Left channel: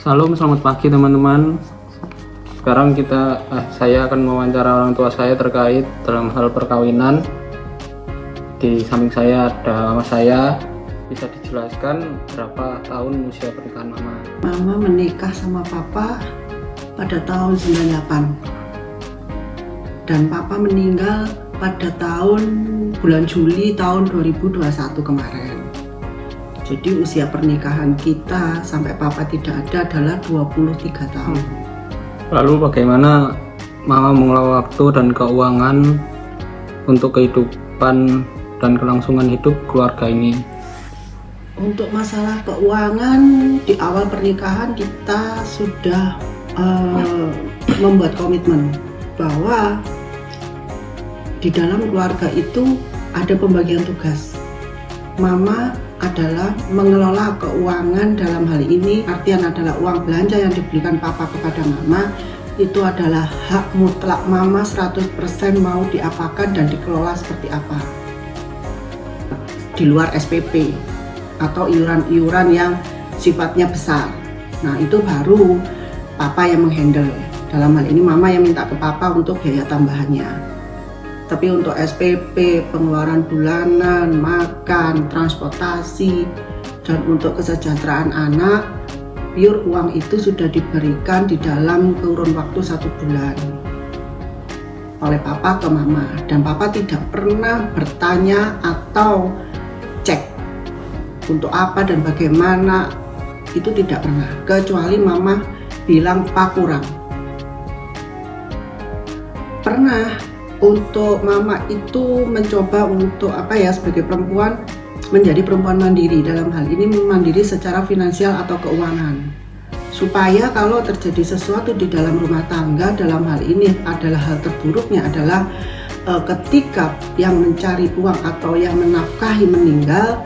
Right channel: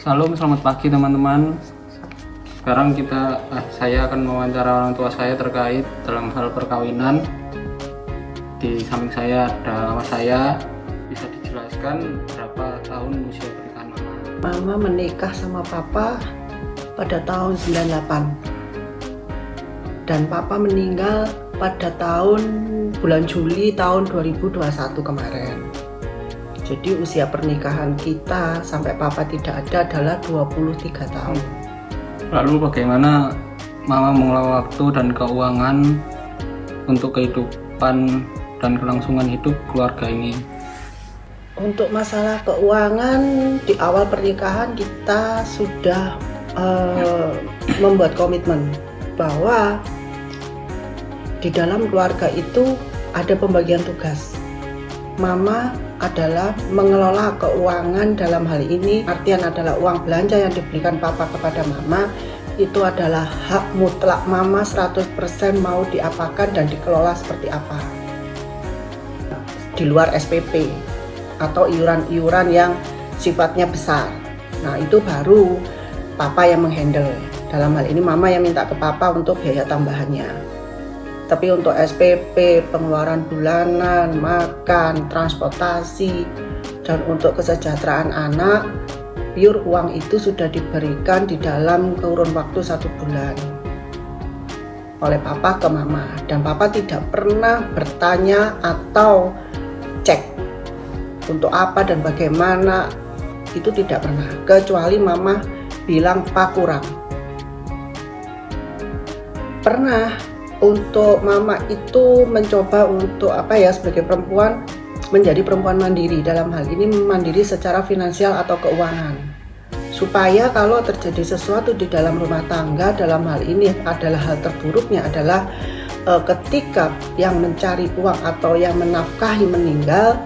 Salam, selamat pagi teman-teman. Sekarang saya akan mewawancara orang tua saya terkait dalam hal perkawinan. Di samping saya ada mama saya. Bisa dijelaskan berapa tahun usia pernikahan mama? Mama menikah sama papa pada tahun 98 dan papa meninggal pada bulan Juli tahun 2021 kemarin. Jadi usia pernikahan kita sampai papa tidak ada adalah 23 tahun. Lalu bagaimana mama mengelola waktu dan keuangan untuk kehidupan dan kelangsungan hidup keluarga ini? Untuk masalah keuangan, di awal pernikahan kita sudah membuat komitmen bahwa di dalam keluarga itu ada pembagian tugas. Mama adalah mengelola keuangan, dalam hal ini artian adalah uang belanja yang diberikan papa kepada mama itu adalah hak mutlak mama 100% mau diapakan dan dikelola seperti apa, di luar SPP atau iuran-iuran yang sifatnya besar. Nah itu baru papa yang menghandle. Dalam hal ini mama yang minta ke papa untuk biaya tambahannya. Tapi untuk SPP, pengeluaran bulanan, makan, transportasi, dan untuk kesejahteraan anak, pure uang itu sudah diberikan di dalam kurun waktu 1 bulan oleh papa ke mama. Dan papa tidak pernah bertanya atau cek untuk apa dan bagaimana, itu tidak pernah. Kecuali mama bilang pak kurang. Pernah untuk mama itu mencoba untuk sebagai perempuan menjadi perempuan mandiri, dalam hal ini mandiri secara finansial atau keuangan, supaya kalau terjadi sesuatu di dalam rumah tangga, dalam hal ini adalah hal terburuknya adalah ketika yang mencari uang atau yang menafkahi meninggal,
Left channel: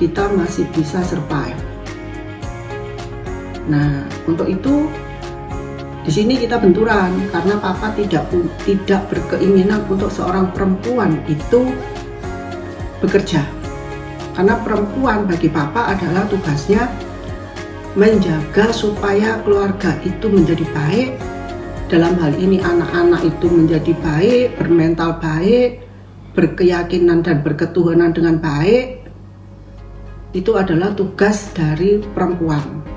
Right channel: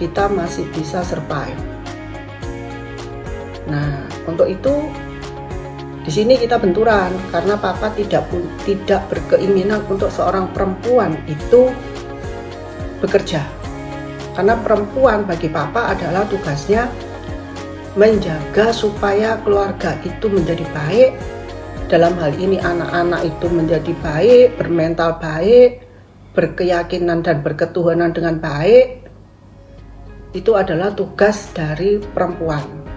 kita masih bisa survive. Nah untuk itu di sini kita benturan karena papa tidak berkeinginan untuk seorang perempuan itu bekerja. Karena perempuan bagi papa adalah tugasnya menjaga supaya keluarga itu menjadi baik. Dalam hal ini anak-anak itu menjadi baik, bermental baik, berkeyakinan dan berketuhanan dengan baik. Itu adalah tugas dari perempuan.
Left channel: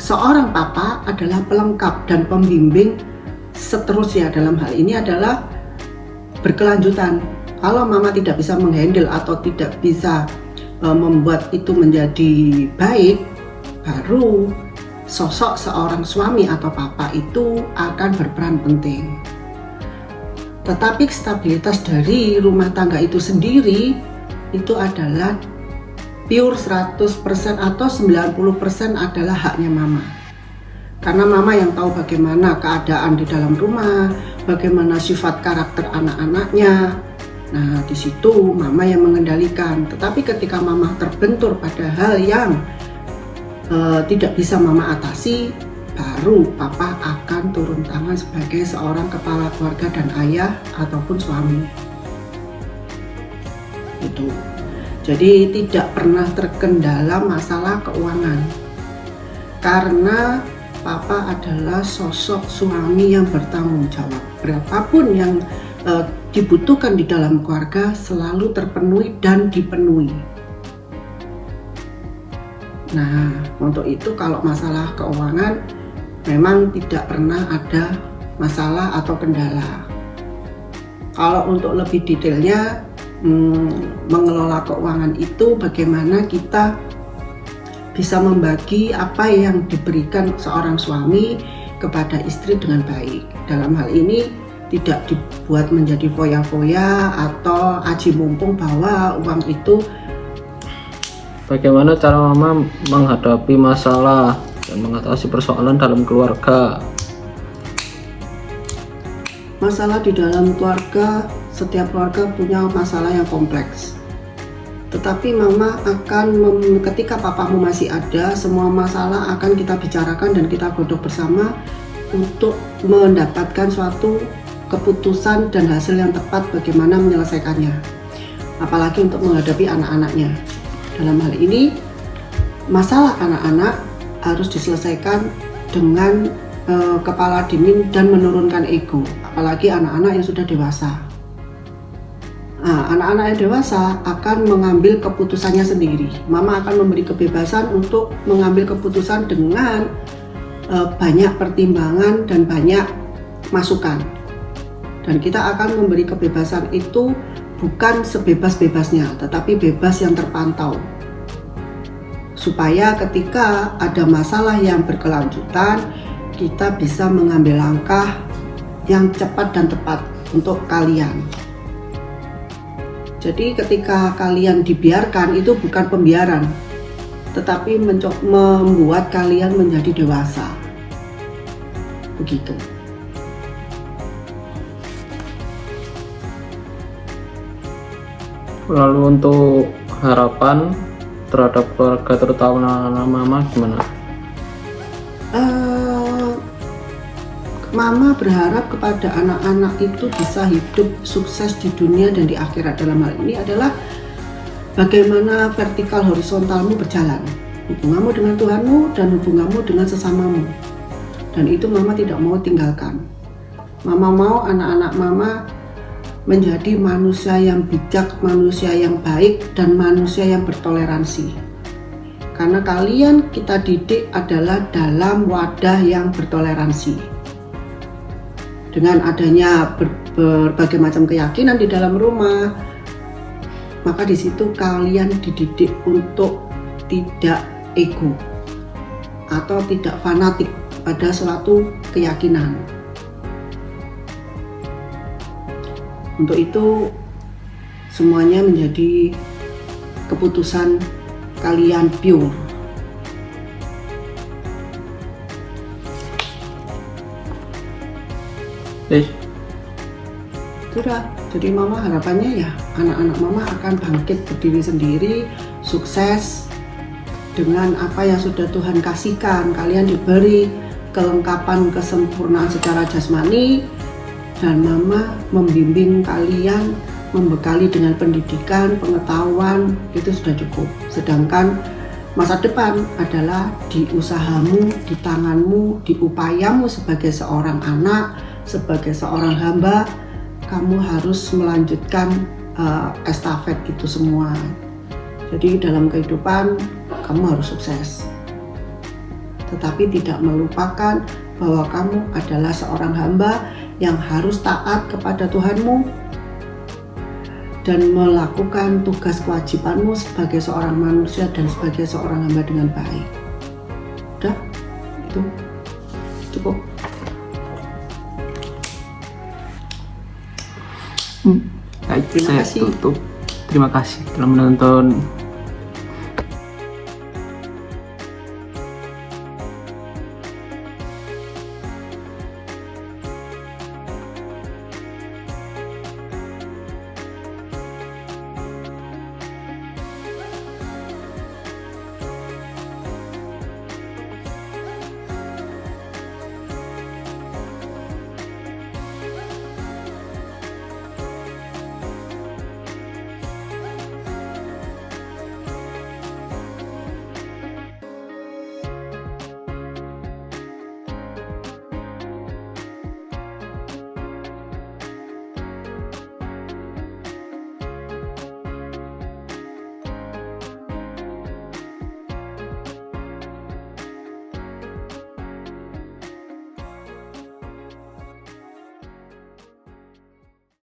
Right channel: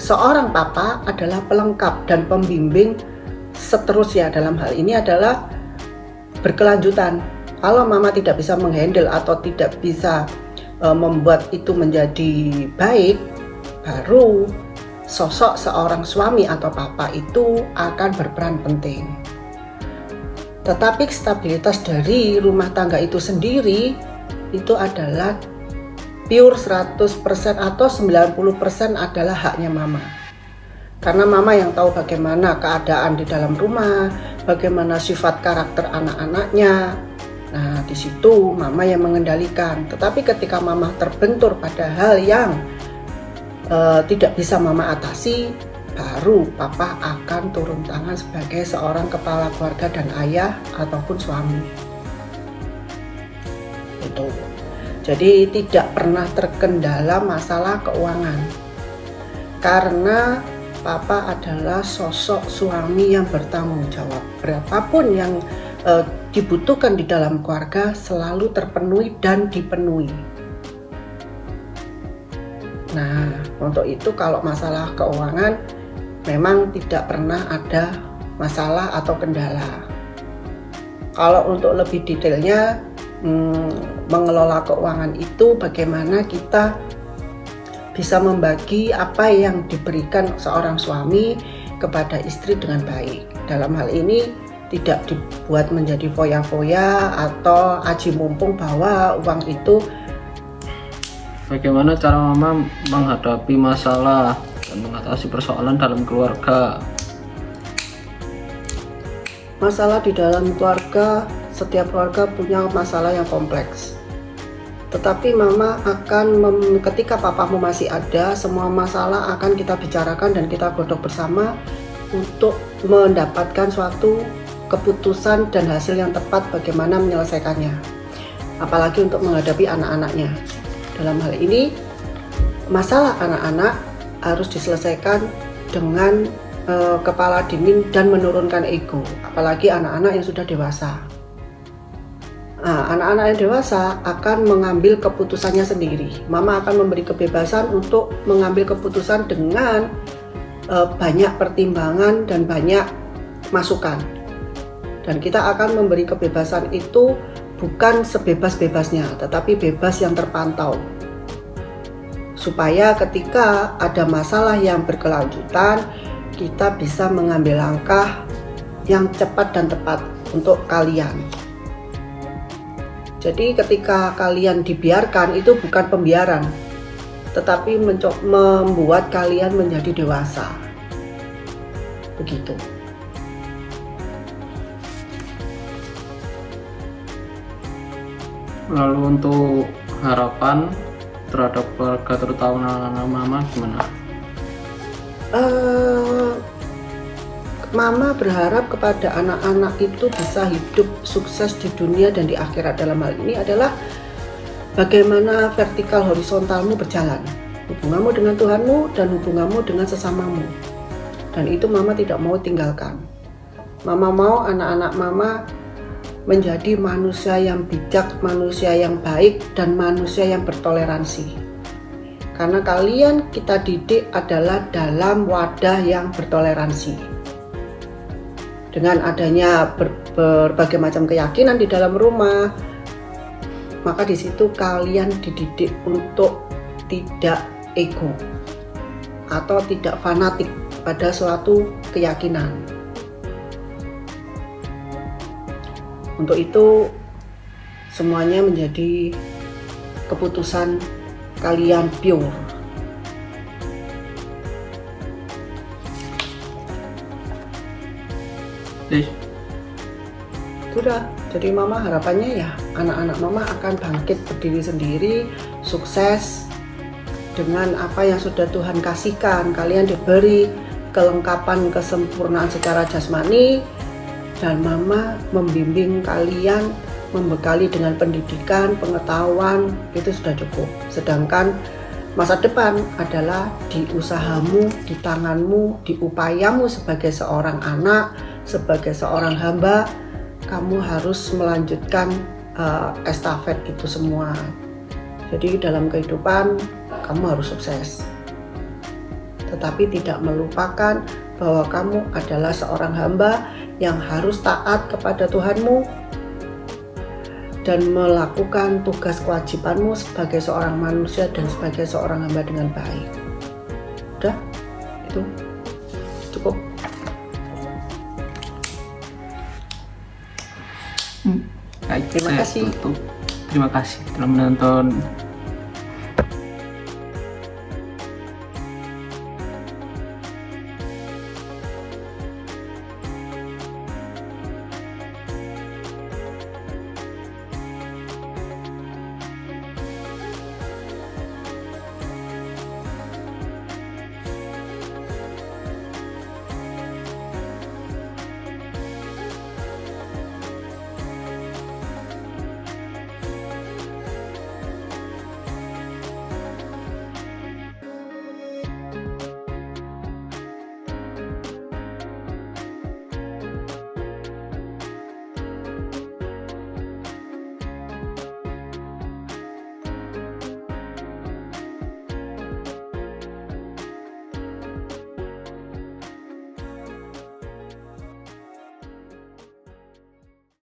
Seorang papa adalah pelengkap dan pembimbing seterusnya, dalam hal ini adalah berkelanjutan. Kalau mama tidak bisa menghandle atau tidak bisa membuat itu menjadi baik, baru sosok seorang suami atau papa itu akan berperan penting. Tetapi stabilitas dari rumah tangga itu sendiri itu adalah pure 100% atau 90% adalah haknya mama. Karena mama yang tahu bagaimana keadaan di dalam rumah, bagaimana sifat karakter anak-anaknya. Nah, di situ mama yang mengendalikan. Tetapi ketika mama terbentur pada hal yang tidak bisa mama atasi, baru papa akan turun tangan sebagai seorang kepala keluarga dan ayah ataupun suami. Itu. Jadi tidak pernah terkendala masalah keuangan karena papa adalah sosok suami yang bertanggung jawab. Berapapun yang dibutuhkan di dalam keluarga selalu terpenuhi dan dipenuhi. Nah untuk itu kalau masalah keuangan memang tidak pernah ada masalah atau kendala. Kalau untuk lebih detailnya mengelola keuangan itu bagaimana kita bisa membagi apa yang diberikan seorang suami kepada istri dengan baik. Dalam hal ini tidak dibuat menjadi foya-foya atau aji mumpung bahwa uang itu. Bagaimana cara mama menghadapi masalah dan mengatasi persoalan dalam keluarga? Masalah di dalam keluarga, setiap keluarga punya masalah yang kompleks. Tetapi mama akan ketika papamu masih ada, semua masalah akan kita bicarakan dan kita godok bersama untuk mendapatkan suatu keputusan dan hasil yang tepat bagaimana menyelesaikannya. Apalagi untuk menghadapi anak-anaknya. Dalam hal ini masalah anak-anak harus diselesaikan dengan kepala dingin dan menurunkan ego, apalagi anak-anak yang sudah dewasa. Nah, anak-anak yang dewasa akan mengambil keputusannya sendiri. Mama akan memberi kebebasan untuk mengambil keputusan dengan banyak pertimbangan dan banyak masukan. Dan kita akan memberi kebebasan itu bukan sebebas-bebasnya, tetapi bebas yang terpantau. Supaya ketika ada masalah yang berkelanjutan, kita bisa mengambil langkah yang cepat dan tepat untuk kalian. Jadi ketika kalian dibiarkan, itu bukan pembiaran, tetapi membuat kalian menjadi dewasa. Begitu. Lalu untuk harapan terhadap keluarga terutama anak-anak mama gimana? Mama berharap kepada anak-anak itu bisa hidup sukses di dunia dan di akhirat. Dalam hal ini adalah bagaimana vertikal horizontalmu berjalan, hubunganmu dengan Tuhanmu dan hubunganmu dengan sesamamu. Dan itu mama tidak mau tinggalkan. Mama mau anak-anak mama menjadi manusia yang bijak, manusia yang baik, dan manusia yang bertoleransi. Karena kalian kita didik adalah dalam wadah yang bertoleransi. Dengan adanya berbagai macam keyakinan di dalam rumah, maka di situ kalian dididik untuk tidak ego atau tidak fanatik pada suatu keyakinan. Untuk itu semuanya menjadi keputusan kalian pure. Sudah, jadi mama harapannya ya anak-anak mama akan bangkit berdiri sendiri, sukses dengan apa yang sudah Tuhan kasihkan. Kalian diberi kelengkapan kesempurnaan secara jasmani, dan mama membimbing kalian, membekali dengan pendidikan, pengetahuan, itu sudah cukup. Sedangkan masa depan adalah di usahamu, di tanganmu, di upayamu sebagai seorang anak, sebagai seorang hamba. Kamu harus melanjutkan estafet itu semua. Jadi dalam kehidupan kamu harus sukses, tetapi tidak melupakan bahwa kamu adalah seorang hamba yang harus taat kepada Tuhanmu dan melakukan tugas kewajibanmu sebagai seorang manusia dan sebagai seorang hamba dengan baik. Udah, itu cukup. Baik, Terima saya kasih. tutup. Terima kasih telah menonton